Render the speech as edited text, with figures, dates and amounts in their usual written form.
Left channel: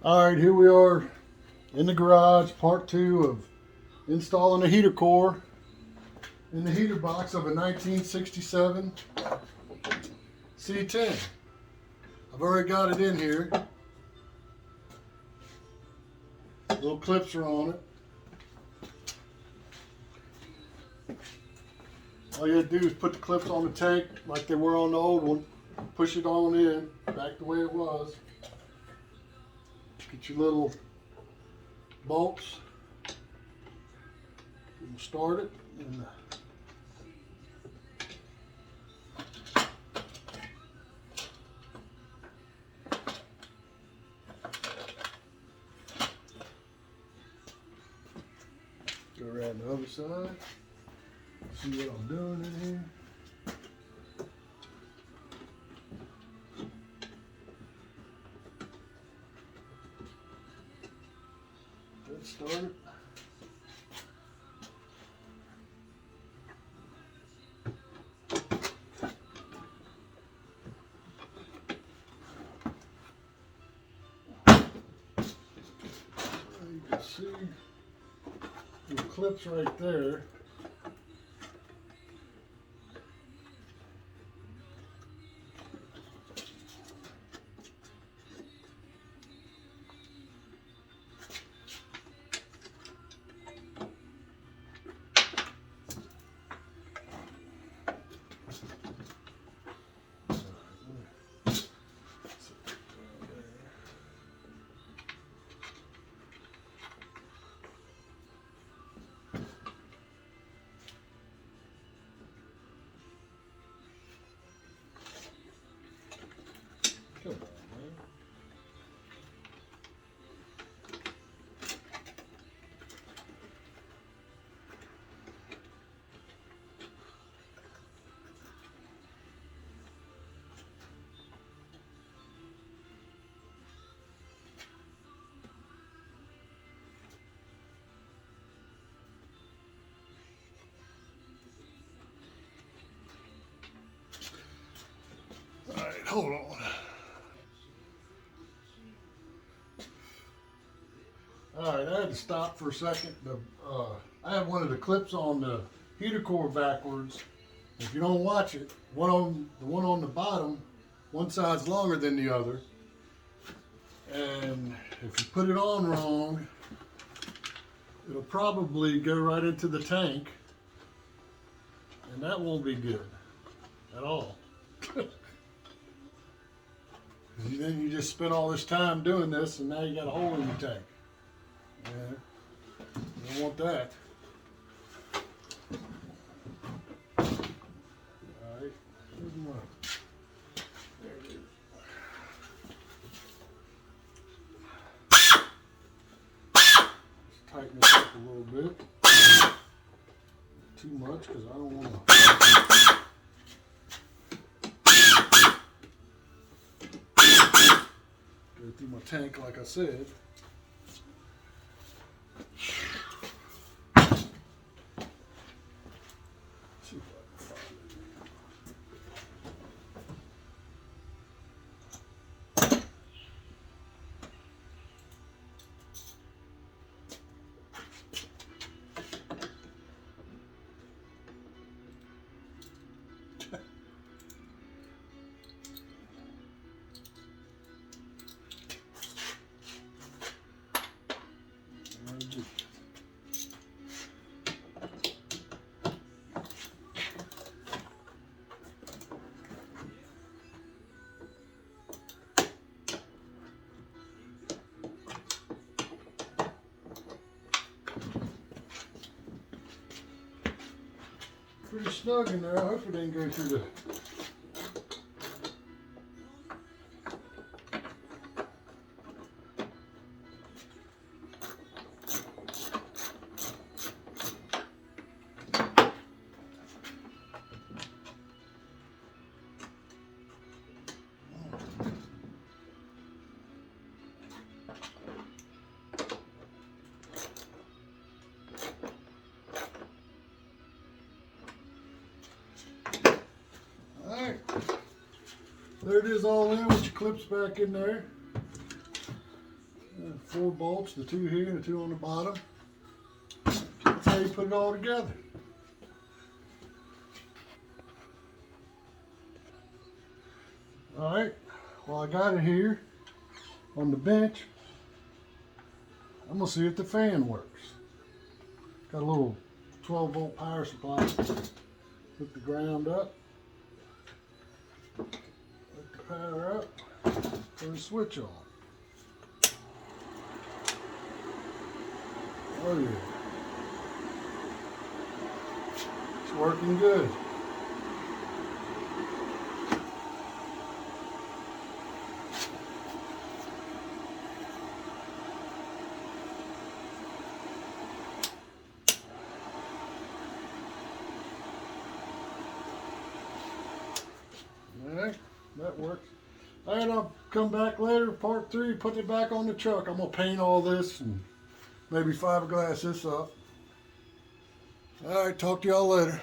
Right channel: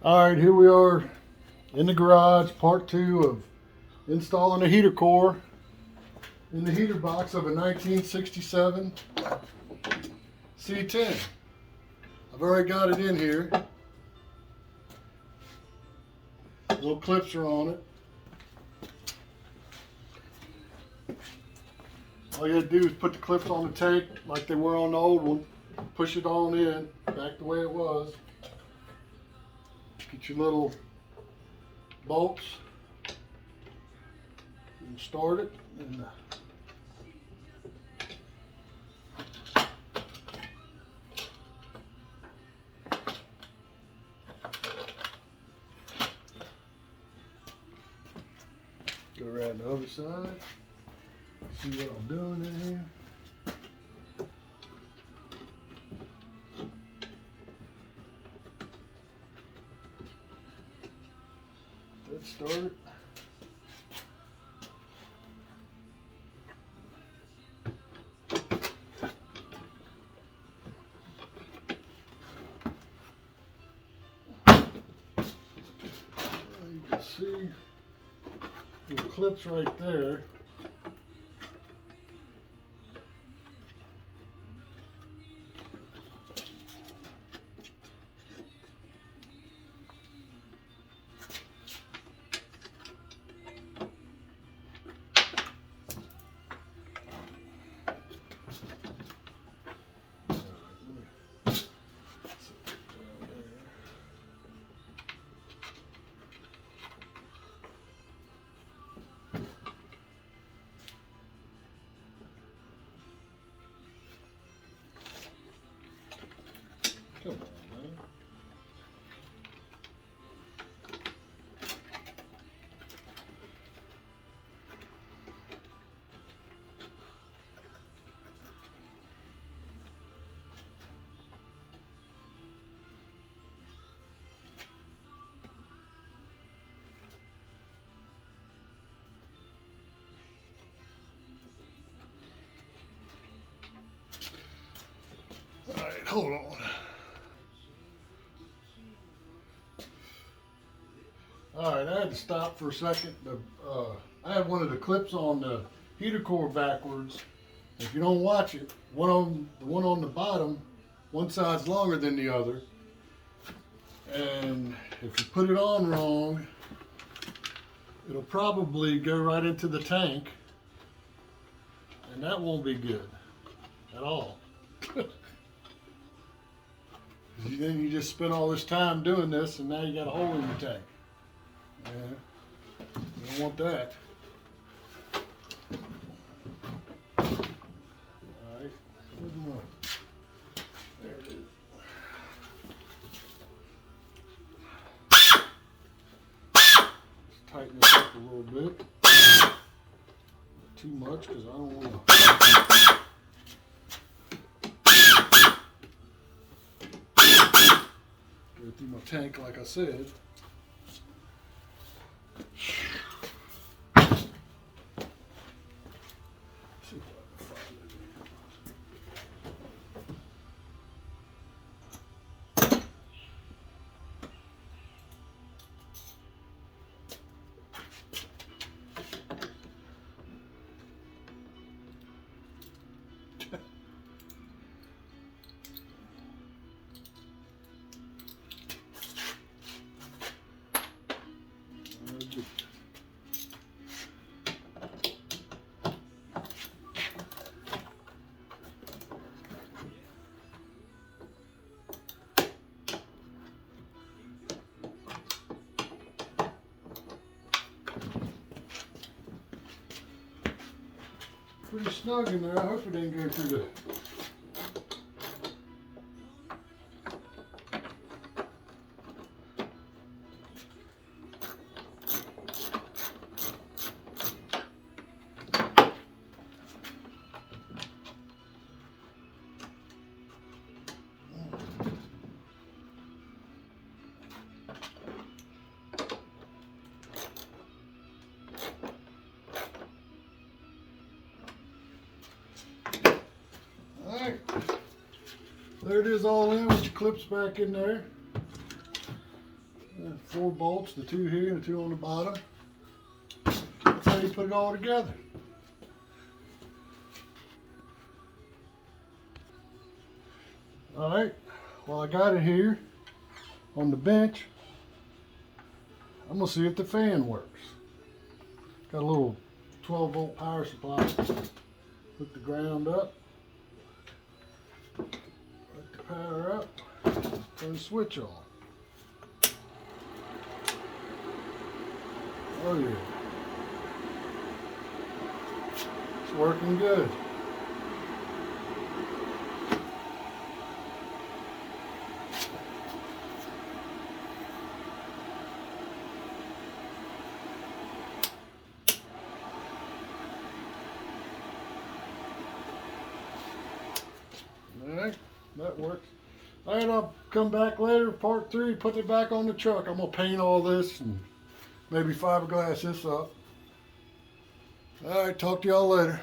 All right, here we are in the garage, part 2 of installing a heater core in the heater box of a 1967 C10. I've already got it in here. Little clips are on it. All you gotta do is put the clips on the tank like they were on the old one. Push it on in, back the way it was. Get your little bolts. And start it. And go around the other side. See what I'm doing in here. Let's start it. You can see the clips right there. Come on, man. All right, hold on. All right, I had to stop for a second. I have one of the clips on the heater core backwards. If you don't watch it, the one on the bottom, one side's longer than the other. And if you put it on wrong, it'll probably go right into the tank. And that won't be good at all. Then you just spent all this time doing this and now you got a hole in your tank. Yeah, you don't want that. Alright, where's my... There it is. Just tighten this up a little bit. Too much because I don't want to... Go through my tank like I said. Pretty snug in there. I hope it didn't go through the... Alright, there it is all in with your clips back in there. And 4 bolts, the 2 here and the 2 on the bottom. That's how you put it all together. Alright, well, I got it here on the bench. I'm gonna see if the fan works. Got a little 12-volt power supply. Hook the ground up. Let the power up. Turn the switch on. Oh yeah. It's working good. Alright, that works. Alright, I'll come back later, part 3, put it back on the truck. I'm going to paint all this and maybe fiberglass this up. Alright, talk to y'all later.